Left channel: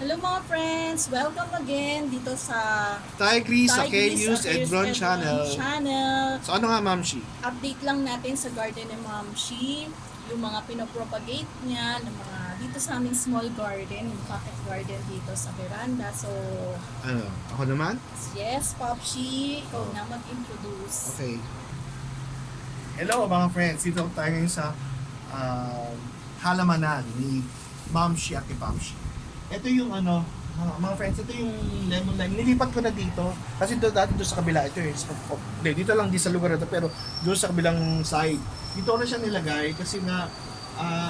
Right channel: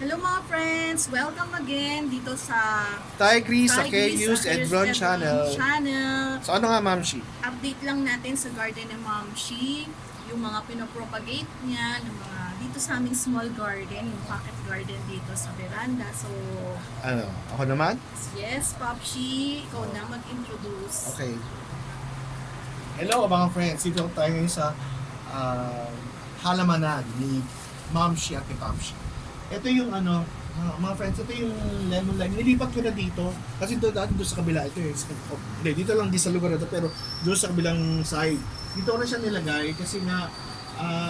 Hello mga friends! Welcome again dito sa Tigris sa Tigris KU's Edron Channel. Channel. So ano nga, Ma'am Shi? Update lang natin sa garden ni Ma'am Shi, yung mga pinopropagate niya, ng mga dito sa aming small garden, yung pocket garden dito sa veranda. So, Ano, ako naman? yes, Pop Shi, ikaw na mag-introduce. Okay. Hello mga friends, dito tayo ngayon sa halamanan ni Ma'am Shi at ni Pop Shi. Ito yung mga friends, ito yung lemon lime. Nilipat ko na dito. Kasi dati doon sa kabila, ito yung dito lang di sa lugar na ito, pero doon sa kabilang side. Dito ko na siya nilagay kasi nga,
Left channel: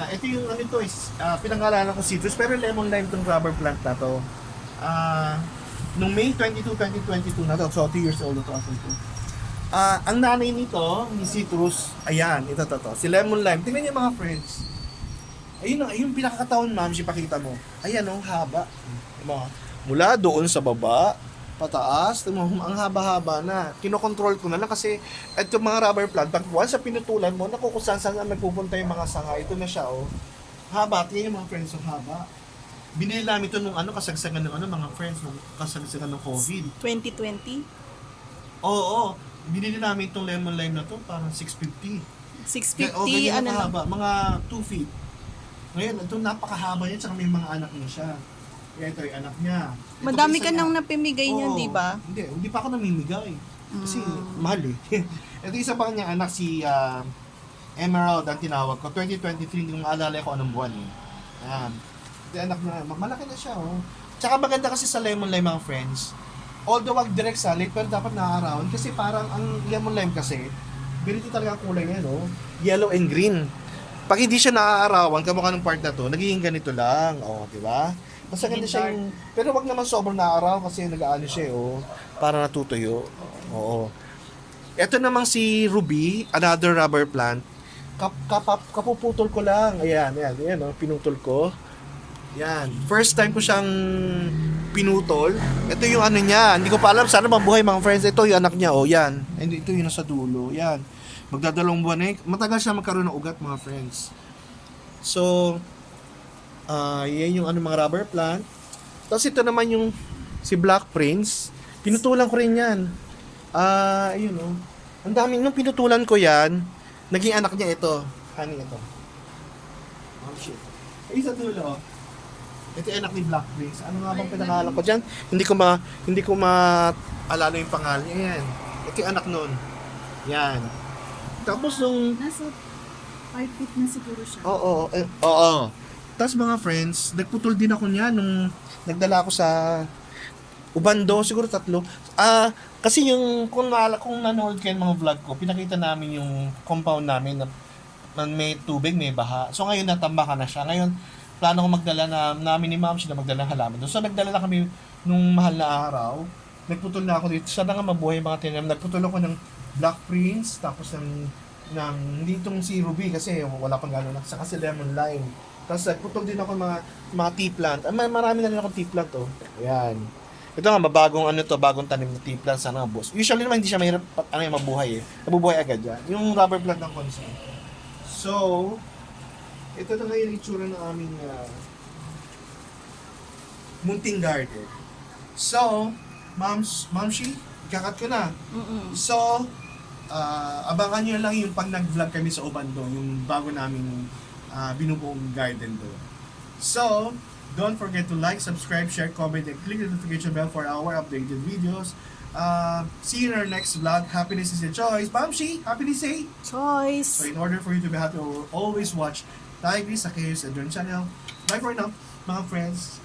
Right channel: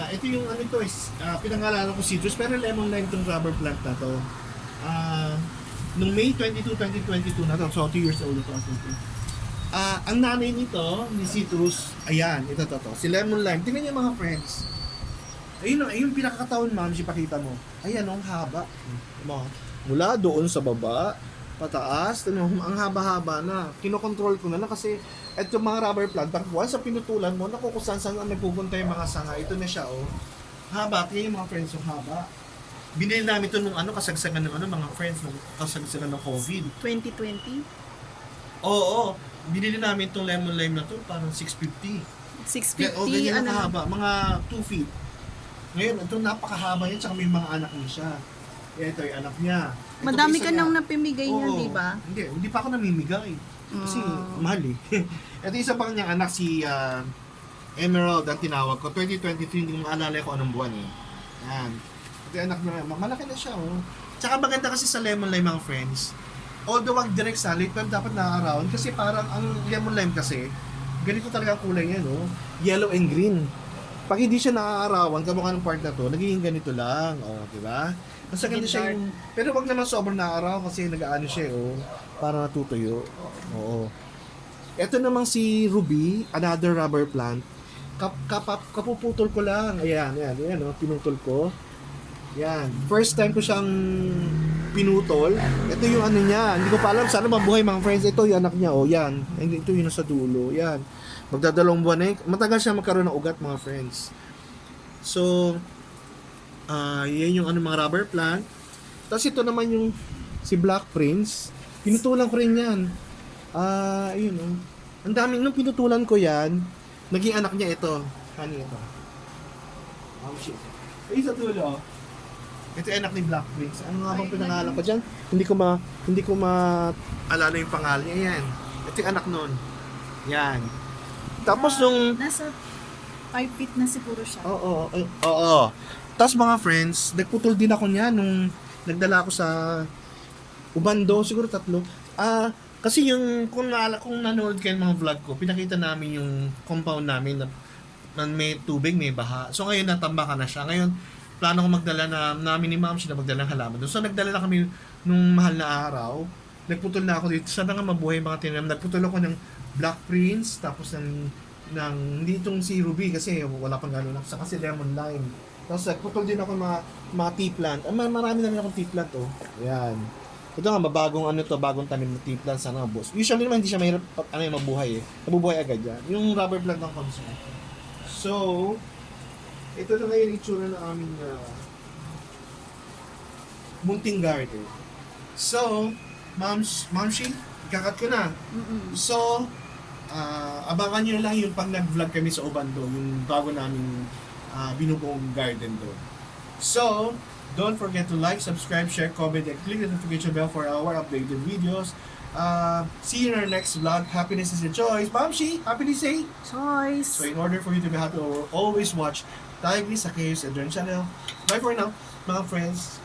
ito yung ito is, pinangalanan ko citrus, pero lemon lime tong rubber plant na to. Nung May 22, 2022 na to, so 2 years old na to. Ang nanay nito, ni citrus, ayan, ito to, si lemon lime. Tingnan niyo mga friends. Ayun pinakakataon, ma'am, ipakita mo. Ayan, ang haba. Mula doon sa baba, pataas, ang haba-haba na. Kinokontrol ko na kasi ito mga rubber plant, pag once sa pinutulan mo, naku kung saan nagpupunta yung mga sanga. Ito na siya, oh. Haba, tingnan yung mga friends, oh, haba. Binili namin ito nung kasagsagan ng mga friends, nung kasagsagan ng COVID. 2020? Oo, binili namin itong lemon lime na to, parang 650. 650, Ganyan nakahaba, mga 2 feet. Ngayon, ito napakahaba niya, tsaka may mga anak niya siya. Ito yung anak niya. Ito Madami isa ka niya. nang napimigay niyan, Oo. di ba? Hindi pa ako namimigay. Kasi mahal eh. Ito isa pa kanyang anak, si Emerald ang tinawag ko. 2023, hindi ko maalala ko anong buwan eh. Yan. Ito yung anak niya, malaki na siya oh. Tsaka maganda kasi sa lemon lime mga friends. Although wag direct sunlight, pero dapat na-around. Kasi parang ang lemon lime kasi, ganito talaga ang kulay niya no. Yellow and green. Pag hindi siya naaarawan, kamukha ng part na to, nagiging ganito lang, oh, di ba? Mas ganda siya yung, pero wag naman sobrang naaaraw kasi nag-aano siya, oh, para natutuyo. Oo. Ito namang si Ruby, another rubber plant. Kapuputol ko lang. Ayan, oh, pinutol ko. Yan. First time ko siyang pinutol. Ito yung ano niya. Hindi ko pa alam. Sana mabuhay mga friends. Ito yung anak niya. Oh, yan. And ito yung nasa dulo. Yan. Magdadalawang buwan na yun. Matagal siya magkaroon ng ugat mga friends. So, yan yung mga rubber plant. Tapos ito naman yung si Black Prince. Pinutulan ko rin yan. Ayun oh. Ang daming, nung pinutulan ko yan, naging anak niya ito. Honey ito. Oh shit. Ay, sa dulo. Ito yung anak ni Black Prince. Ano nga bang pinangalan ko dyan? Hindi ko maalala yung pangalan niya. Yan. Ito yung anak nun. Yan. Tapos nung... Nasa 5 feet na siguro siya. Oo. Tapos mga friends, nagputol din ako niya nung nagdala ako sa Ubando, siguro 3. Kasi yung kung nanonood kayo ng mga vlog ko, pinakita namin yung compound namin na may tubig, may baha. So ngayon natambakan na siya. Ngayon, plano ko magdala namin ni Ma'am siya na magdala ng halaman doon. So nagdala na kami nung mahal na araw. Nagputol na ako dito. Sana nga mabuhay mga tinanim. Nagputol ako ng Black Prince, tapos hindi itong si Ruby kasi wala pang gano'n lang. Saka si Lemon Lime. Tapos nagputol din ako mga tea plant. Marami na rin akong tea plant oh. Ayan. Ito nga, bagong tanim na tea plant. Sana boss. Usually naman hindi siya mahirap mabuhay eh. Nabubuhay agad yan. Yung rubber plant ng concern. So, ito na ngayon itsura ng aming munting garden. So, Ma'am Shi, kakat ko na. So, abangan nyo lang yung pag nag-vlog kami sa Ubando, yung bago naming binubuong garden doon. So, don't forget to like, subscribe, share, comment, and click the notification bell for our updated videos. See you in our next vlog. Happiness is a choice. Ma'am Shi, happiness say? Choice! So, in order for you to be happy, always watch Tigris sa KU's Edron Channel. Bye for now, mga friends.